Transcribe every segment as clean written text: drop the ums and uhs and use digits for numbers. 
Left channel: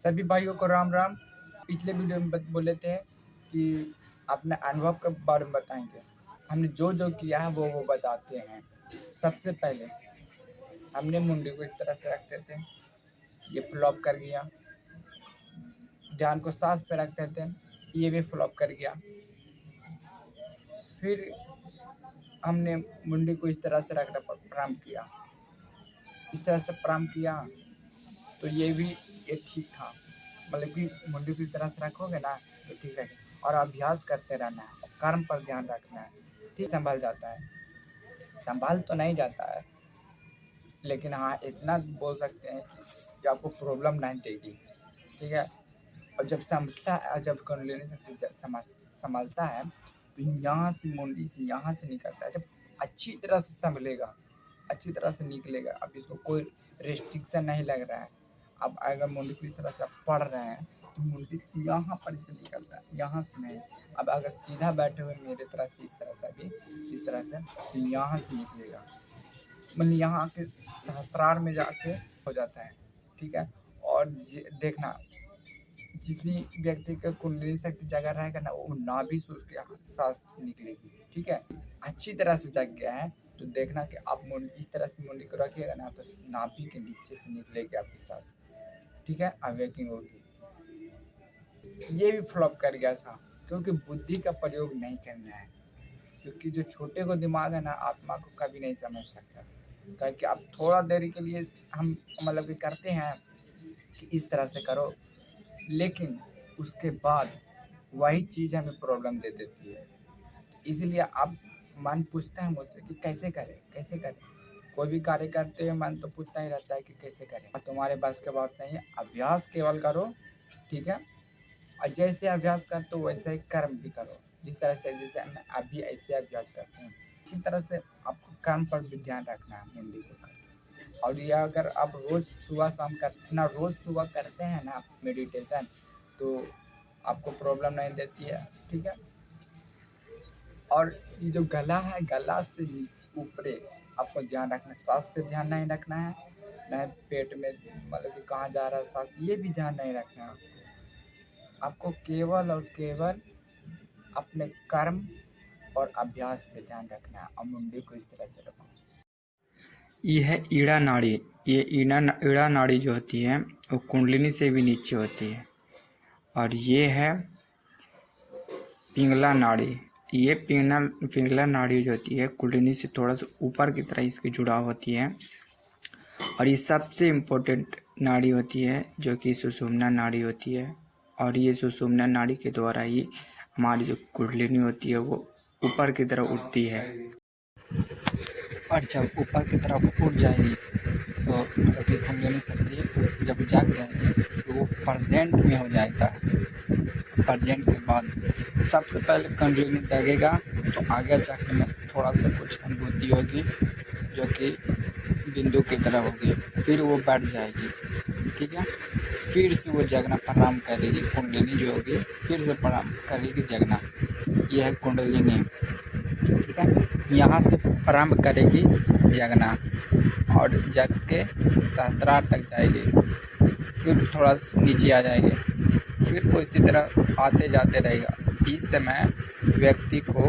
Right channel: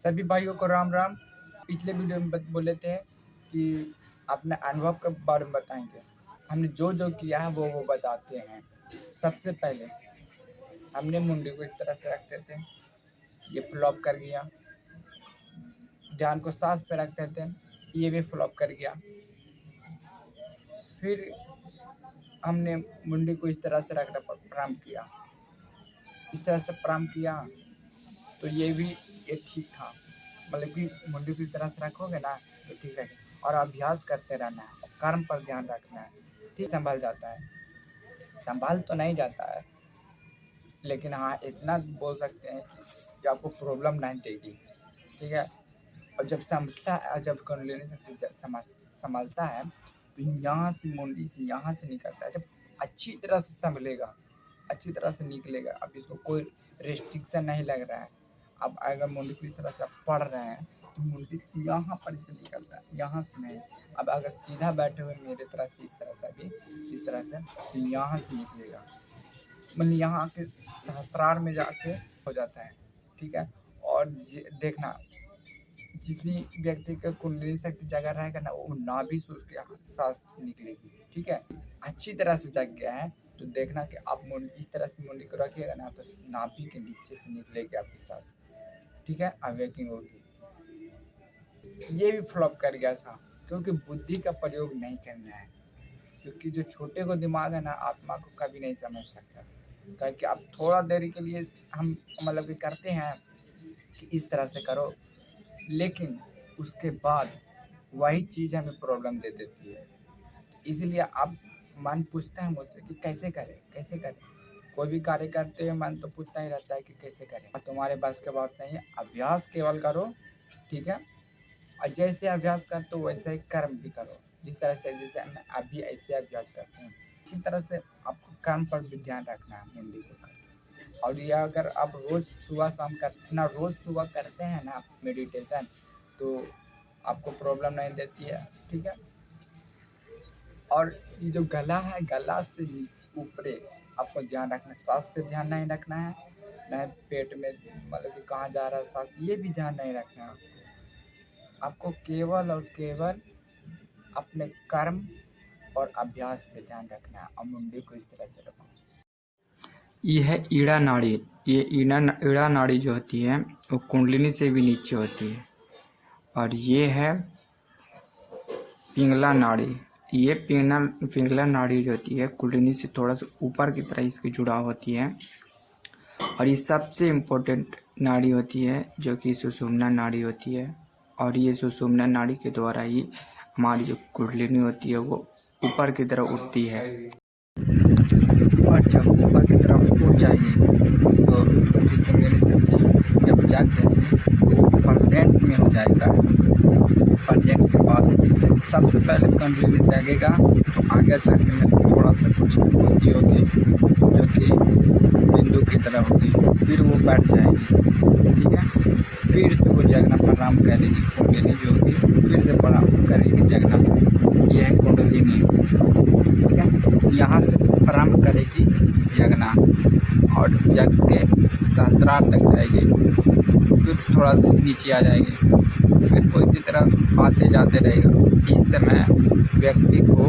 सभी भाइयों को राम राम। पिछले वीडियो में बोले थे कि अपने अनुभव के बारे में बताएंगे। हमने जो जो किया है वो बताते हैं। सबसे पहले हमने मुंडी को इस तरह से रखते थे, ये फ्लॉप कर गया। ध्यान को सांस पे रखते थे, ये भी फ्लॉप कर गया। फिर हमने मुंडी को इस तरह से रखना प्रारंभ किया, इस तरह से प्रारंभ किया तो ये भी एक ठीक था। मतलब कि मुंडी को इस तरह से रखोगे ना तो ठीक है। और अभ्यास करते रहना है, कर्म पर ध्यान रखना है, ठीक संभल जाता है। संभाल तो नहीं जाता है, लेकिन हाँ इतना बोल सकते हैं कि आपको प्रॉब्लम नहीं देगी, ठीक है। और जब समझता है, जब कुंडलिनी शक्ति संभालता है तो यहाँ से मुंडी से यहाँ से निकलता है। जब अच्छी तरह से संभलेगा, अच्छी तरह से निकलेगा, अब इसको कोई रेस्ट्रिक्शन नहीं लग रहा है। अब अगर मुंडी को इस तरह से आप पढ़ रहे हैं तो मुंडी यहाँ पर से निकलता है, यहाँ से नहीं। अब अगर सीधा बैठे हुए मेरे तरह से इस तरह से भी इस तरह से तो यहाँ से निकलेगा, मतलब यहाँ के सहस्त्रार में जाके हो जाता है, ठीक है। और देखना जिस भी व्यक्ति का कुंडली शक्ति जगह रहेगा ना वो नाभि से उसके सांस निकलेगी, ठीक है। अच्छी तरह से जग गया है तो देखना कि आप इस तरह से मुंडी को रखिएगा ना तो नाभि के नीचे से निकलेगी आपकी सांस, ठीक है। अवेकिंग होगी। ये भी फ्लॉप कर गया था क्योंकि बुद्धि का प्रयोग नहीं करना है, क्योंकि जो छोटे को दिमाग है ना आत्मा को कभी नहीं समझ सकता। क्योंकि आप थोड़ा देरी के लिए हम मतलब कि करते हैं कि इस तरह से करो, लेकिन उसके बाद वही चीज़ हमें प्रॉब्लम दे देती है। इसलिए अब मन पूछता है मुझसे कि कैसे करें कैसे करें। कोई भी कार्य करते हुए मन तो पूछता ही रहता है कि कैसे करें। तुम्हारे बस की बात नहीं है, अभ्यास केवल करो, ठीक है। और जैसे अभ्यास करते हो वैसे ही कर्म भी करो। जिस तरह से जैसे मैं अभी ऐसे अभ्यास करते हैं इसी तरह से आपको कर्म पर भी ध्यान रखना है मुंडी को करके। और यह अगर आप रोज़ सुबह शाम रोज़ सुबह करते हैं ना मेडिटेशन तो आपको प्रॉब्लम नहीं देती है, ठीक है। और ये जो गला है, गला से नीचे ऊपरे आपको ध्यान रखना है। सांस पे ध्यान नहीं रखना है, न पेट में मतलब कि कहाँ जा रहा है सांस, ये भी ध्यान नहीं रखना है। आपको केवल और केवल अपने कर्म और अभ्यास पे ध्यान रखना है। और मुंडी को इस तरह से रखो। ये है ईड़ा नाड़ी। ये ईड़ा नाड़ी जो होती है वो कुंडलिनी से भी नीचे होती है। और ये है पिंगला नाड़ी। ये पिंगला नाड़ी जो होती है कुंडलिनी से थोड़ा सा ऊपर की तरह इसकी जुड़ाव होती है। और ये सबसे इम्पोर्टेंट नाड़ी होती है जो कि सुषुम्ना नाड़ी होती है। और ये सुषुम्ना नाड़ी के द्वारा ही हमारी जो कुंडलिनी होती है वो ऊपर की तरफ उठती है। और जब ऊपर की तरफ उठ जाएगी तो आपकी कुंडलिनी शक्ति जब जाग जाएगी तो परसेंट में हो जाएगा। परसेंट के बाद सबसे पहले कुंडलिनी जगेगा तो आगे चलने में थोड़ा सा कुछ होती होगी जो कि बिंदु की तरफ होगी, फिर वो बैठ जाएगी, ठीक है। फिर से वो जगना प्रारंभ करेगी कुंडलिनी जो होगी, फिर से प्रारंभ करेगी जगना। यह है कुंडलिनी, ठीक है। यहाँ से प्रारंभ करेगी जगना और जग के सहस्त्रार तक जाएगी, फिर थोड़ा नीचे आ जाएगी, फिर वो इसी तरह आते जाते रहेगा। इस समय व्यक्ति को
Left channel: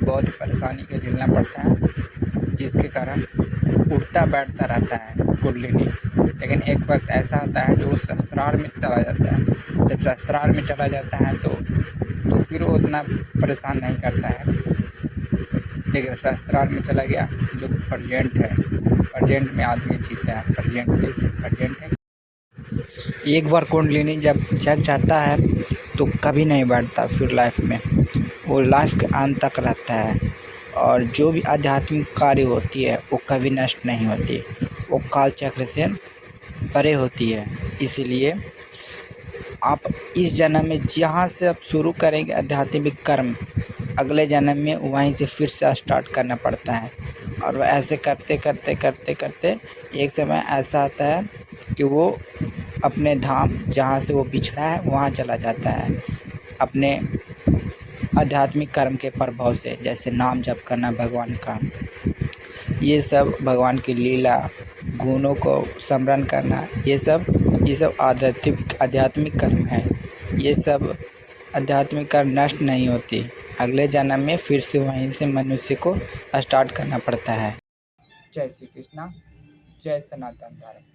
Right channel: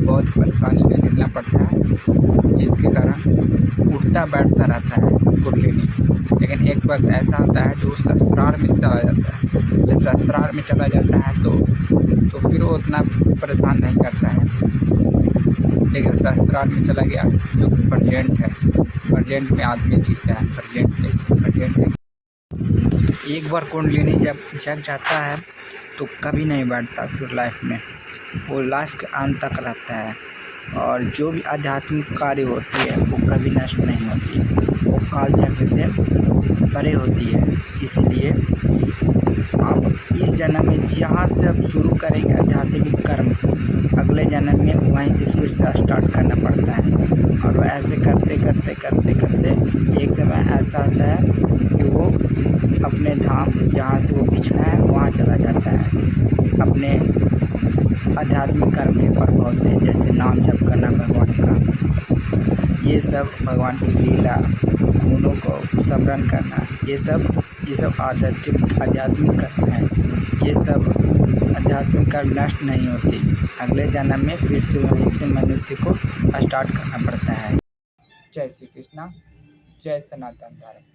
बहुत परेशानी की झेलना पड़ता है, जिसके कारण उठता बैठता रहता है कुंडलिनी। लेकिन एक वक्त ऐसा आता है जो सहस्त्रार में चला जाता है। जब सहस्त्रार में चला जाता है तो फिर वो उतना परेशान नहीं करता है। लेकिन सहस्त्रार में चला गया जो प्रेजेंट है, प्रेजेंट में आदमी जीता है। प्रेजेंट एक बार कुंडलिनी जब जग जाता है तो कभी नहीं बैठता फिर लाइफ में, वो लाइफ के अंत तक रहता है। और जो भी आध्यात्मिक कार्य होती है वो कभी नष्ट नहीं होती, वो काल चक्र से परे होती है। इसलिए आप इस जन्म में जहाँ से आप शुरू करेंगे आध्यात्मिक कर्म, अगले जन्म में वहीं से फिर से स्टार्ट करना पड़ता है। और वो ऐसे करते करते करते करते एक समय ऐसा आता है कि वो अपने धाम जहाँ से वो बिछड़ा है वहाँ चला जाता है अपने आध्यात्मिक कर्म के प्रभाव से। जैसे नाम जप करना भगवान का, ये सब भगवान की लीला गुणों को स्मरण करना, ये सब ये सब आध्यात्मिक कर्म है। ये सब आध्यात्मिक कर्म नष्ट नहीं होते, अगले जन्म में फिर से वहीं से मनुष्य को स्टार्ट करना पड़ता है। जय श्री कृष्णा, जय सनातन धर्म।